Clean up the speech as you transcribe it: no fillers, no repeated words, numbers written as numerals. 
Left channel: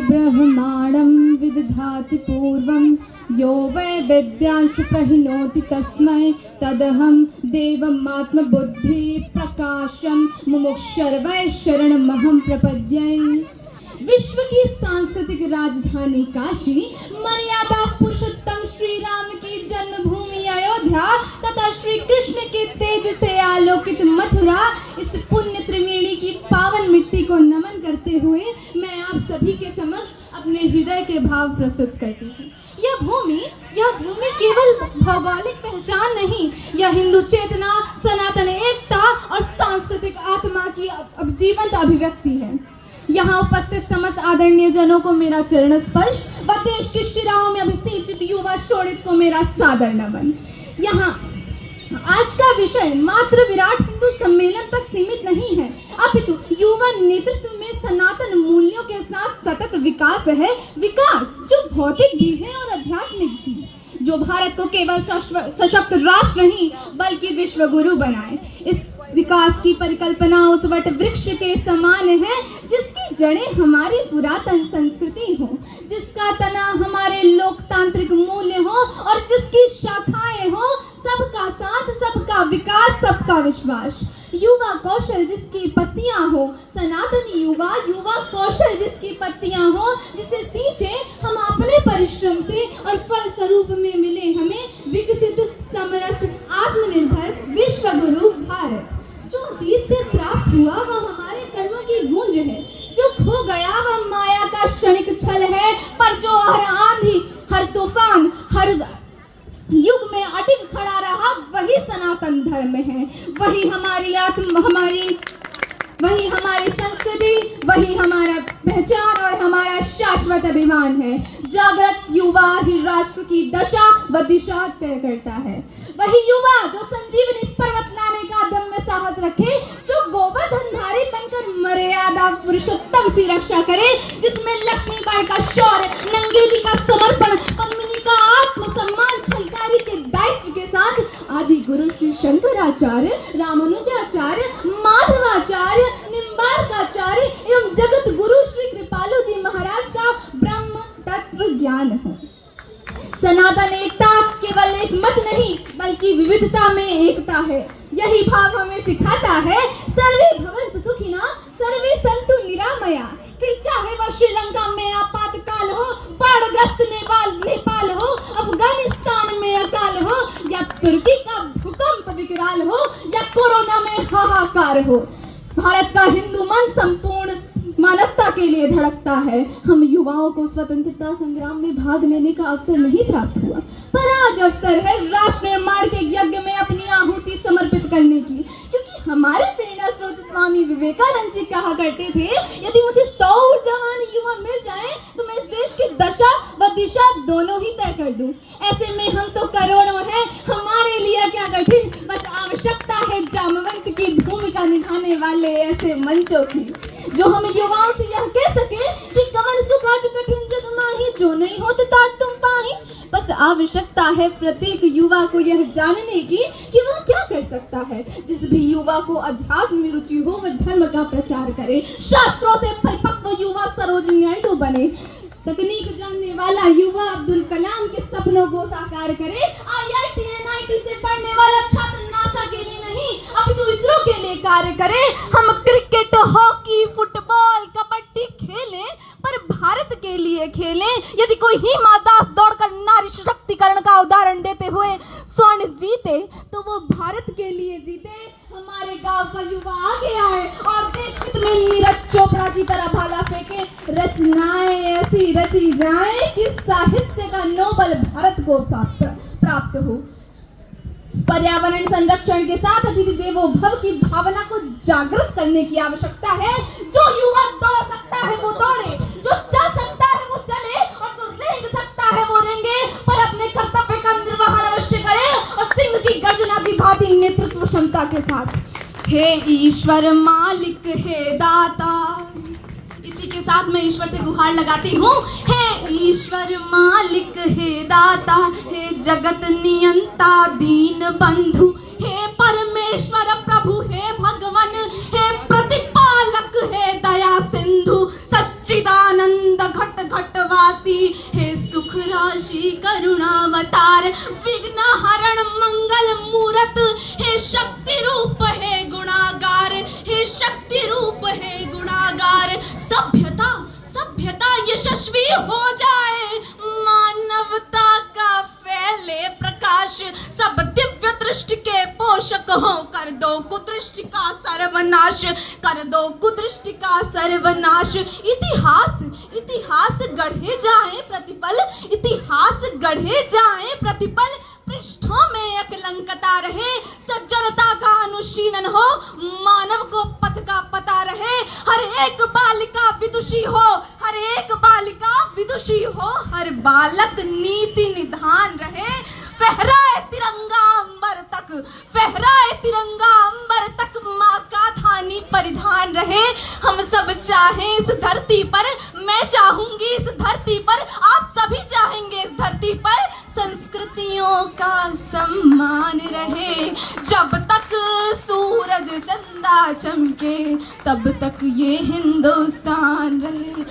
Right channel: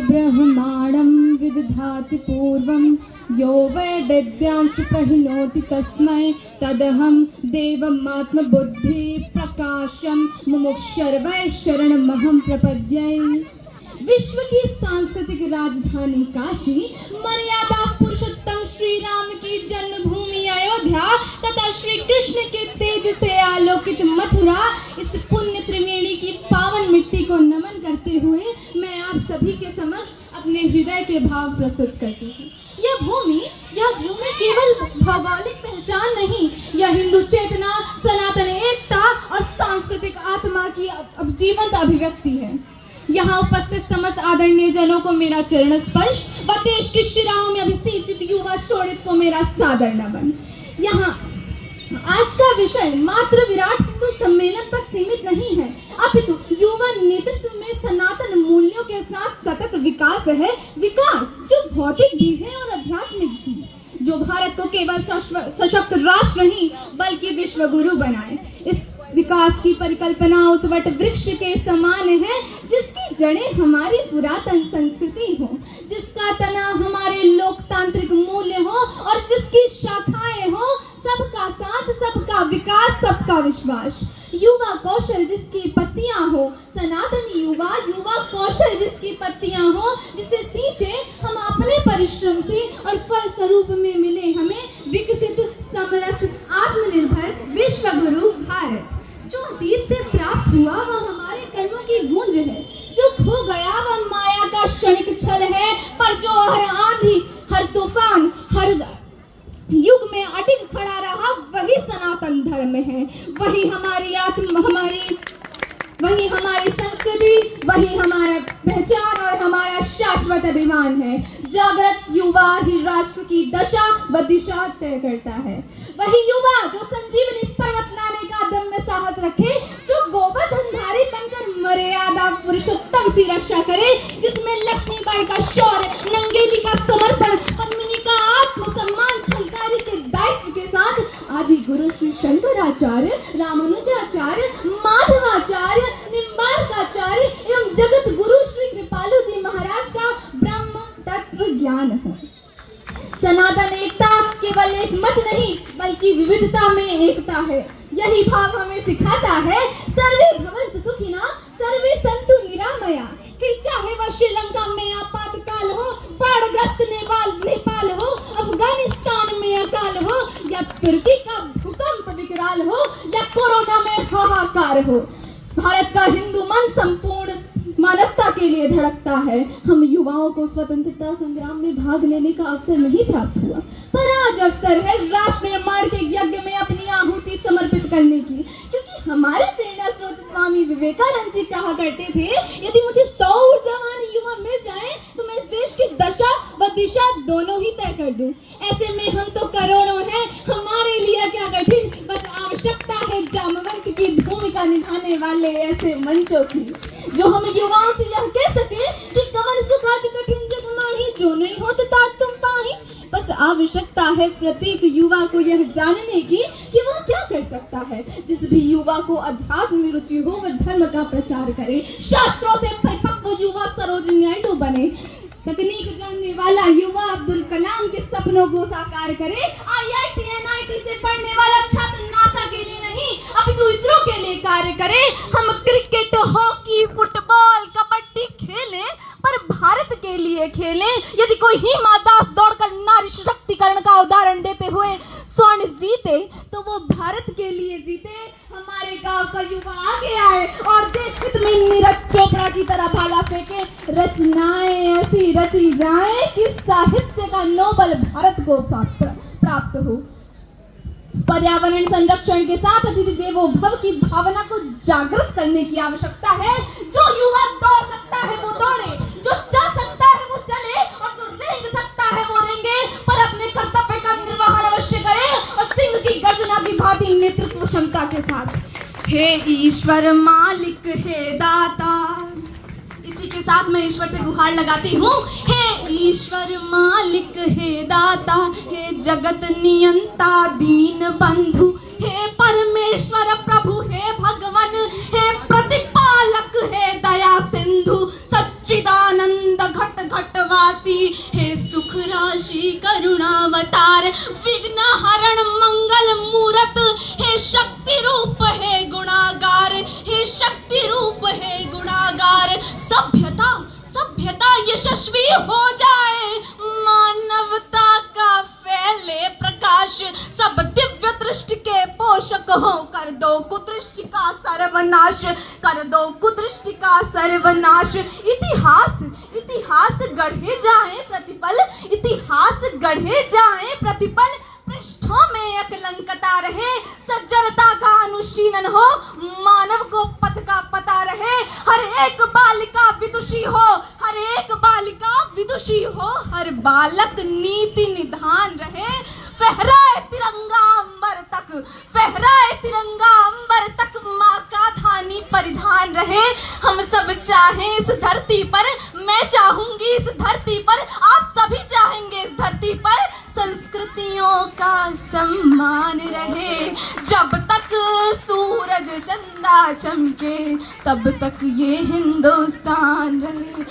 ब्रह्माणं विदधाति पूर्वं यो वै वेद्यांश प्रहिणोति तस्मै तदहं देवमात्मबुद्धि प्रकाशं मुमुक्षुर्वै शरणमहं प्रपद्ये। विश्व की सांस्कृतिक राजधानी काशी, मर्यादा पुरुषोत्तम श्री राम की जन्मभूमि अयोध्या तथा श्री कृष्ण के तेज से आलोकित मथुरा, इस पुण्य त्रिवेणी की पावन मिट्टी को नमन करते हुए मैं आप सभी के समक्ष अपने हृदय के भाव प्रस्तुत करती हूँ। यह भूमि केवल भौगोलिक पहचान नहीं, यह हिंदू चेतना, सनातन एकता और सांस्कृतिक आत्मा की जीवंत अभिव्यक्ति है। यहाँ उपस्थित समस्त आदरणीय जनों को मेरा चरण स्पर्श व देश के शिराओं में अभिसिंचित युवा शोणित को मेरा सादर नमन। यहाँ आज का विषय मात्र विराट हिंदू सम्मेलन तक सीमित नहीं है, अपितु युवा नेतृत्व में सनातन मूल्यों के साथ सतत विकास है। विकास जो भौतिक भी है और आध्यात्मिक भी, जो भारत को केवल सशक्त राष्ट्र नहीं बल्कि विश्व गुरु बनाए। इस विकास की परिकल्पना उस वट वृक्ष के समान है जिसकी जड़ें हमारी पुरातन संस्कृति हो, जिसका तना हमारे लोकतांत्रिक मूल्य हो और जिसकी शाखाएं हो सबका साथ, सबका विकास, सबका विश्वास। युवा कौशल जिसकी पत्तियां हो, सनातनी युवा कौशल जिसकी पत्तियां हो, जिसे सींचे हम अपने परिश्रम से और फल स्वरूप में मिले हमें विकसित, समरस, आत्मनिर्भर विश्व गुरु भारत। जो अतीत से प्राप्त हुआ वह हमारे कर्मों की गूंज है, जो खो गया वह माया का क्षणिक छल है, पर जो हर आंधी, हर तूफान, हर युग में अटिक खड़ा रहा वही सनातन धर्म है। वही हमारी संस्कृति, वही हमारा पहचान और हमारा शाश्वत अभिमान है। जागृत युवा ही राष्ट्र की दशा व दिशा तय करता है। वही युवा जो संजीवनी पर्वत लाने का दम्य साहस रखे, जो गोवर्धनधारी बनकर मर्यादा पुरुषोत्तम की रक्षा करे, जिसमें लक्ष्मीबाई का शौर्य, नंगेली का समर्पण, पद्मिनी का आत्मसम्मान, छलकारी के दायित्व के साथ आदि गुरु श्री शंकराचार्य, रामानुजाचार्य, माधवाचार्य, निम्बार्काचार्य एवं जगत गुरु श्री कृपालु जी महाराज का ब्रह्म तत्व ज्ञान हो। सनातन एकता केवल एक मत नहीं बल्कि विविधता में एकता है। यही भाव हमें सिखाता है सर्वे भवन्तु सुखिनः, सर्वे सन्तु निरामया। फिर चाहे वह श्रीलंका में आपातकाल हो, बाढ़ग्रस्त नेपाल हो, अफगानिस्तान में अकाल हो, या तुर्की का भूकंप विकराल हो, या कोरोना में हाहाकार हो, भारत का हिंदू मन संपूर्ण मानवता के लिए धड़कता है। हम युवाओं को स्वतंत्रता संग्राम में भाग लेने का अवसर नहीं प्राप्त हुआ, पर आज अवसर है राष्ट्र निर्माण के यज्ञ में अपनी आहुति समर्पित करने की, क्योंकि हमारे प्रेरणा स्रोत स्वामी विवेकानंद जी कहा करते थे, यदि मुझे 100 ऊर्जावान युवा मिल जाए तो मैं इस देश की दशा व दिशा दोनों ही तय कर दूं। ऐसे में हम तो करोड़ों हैं, हमारे लिए क्या कठिन, बस आवश्यकता है जामवंत की भूमिका निभाने वाले ऐसे मंचों की, जो हम युवाओं से यह कह सके कि कवन सुख आज कठिन जग माही, जो नहीं होता तात तुम पाही। बस आवश्यकता है प्रत्येक युवा को यह जानने की कि वह क्या कर सकता है। जिस भी युवा को अध्यात्म में रुचि हो वह धर्म का प्रचार करे, शास्त्रों से परिपक्व युवा सरोजिनी नायडू बने, तकनीक जानने वाला युवा अब्दुल कलाम के सपनों को साकार करे, IIT NIT से पढ़ने वाला छात्र नासा के लिए नहीं अपितु इसरो के लिए कार्य करे। हम क्रिकेट, हॉकी, फुटबॉल, कबड्डी खेलें पर भारत के लिए खेलें। यदि कोई हिमा दास दौड़कर नारी सशक्तिकरण का उदाहरण देते हुए स्वर्ण जीते तो वो भारत के लिए जीते। हमारे गांव का युवा आगे आए और देश हित में नीरज चोपड़ा की तरह भाला फेंके, रचनाएं ऐसी रची जाए कि साहित्य का नोबेल भारत को प्राप्त हो। पर्यावरण संरक्षण के साथ अतिथि देवो भव की भावना को जागृत करने की आवश्यकता है। जो युवा दौड़ सकता है वो दौड़े, जो चल सकता है वो चले और जो रेंग सकता है वो रेंगे, पर अपने कर्तव्य का निर्वहन अवश्य करे और सिंह की गर्जना की भांति नेतृत्व क्षमता के साथ। हे ईश्वर मालिक, हे दाता, इसी के साथ मैं ईश्वर से गुहार लगाती हूँ। हे ईश्वर मालिक, हे दाता, हे जगत नियंता दीन बंधु, हे परमेश्वर प्रभु, हे भगवान, हे प्रतिपालक, हे दया सिंधु, सत्य सच्चिदानंद घट घटवासी, हे सुख राशि करुणावतार, विघ्न हरण मंगल मूरत, हे शक्ति रूप है गुणागार, हे शक्ति रूप है गुणागार। सभ्यता सभ्यता यशस्वी हो जाए, मानवता का फैले प्रकाश, सब दिव्य दृष्टि के पोषक हो, कर दो कुदृष्टि का सर्वनाश, कर दो कुदृष्टि का सर्वनाश। इतिहास इतिहास गढ़े जाए प्रतिपल, इतिहास गढ़े जाए प्रतिपल, पृष्ठों में अकलंकता रहे, सज्जनता का अनुशीलन हो, मानव को पथ का पता रहे, हर एक बालिका विदुषी हो, हर एक बालिका विदुषी हो, हर बालक नीति निधान रहे, फहराए तिरंगा अंबर तक, फहराए तिरंगा अंबर तक, माँ का धानी परिधान रहे। हम सब चाहें इस धरती पर, मैं चाहूंगी इस धरती पर, आप सभी चाहेंगे इस धरती पर, संस्कृतियों का सम्मान रहे। जब तक सूरज चंदा चमके, तब तक ये हिंदुस्तान रहे।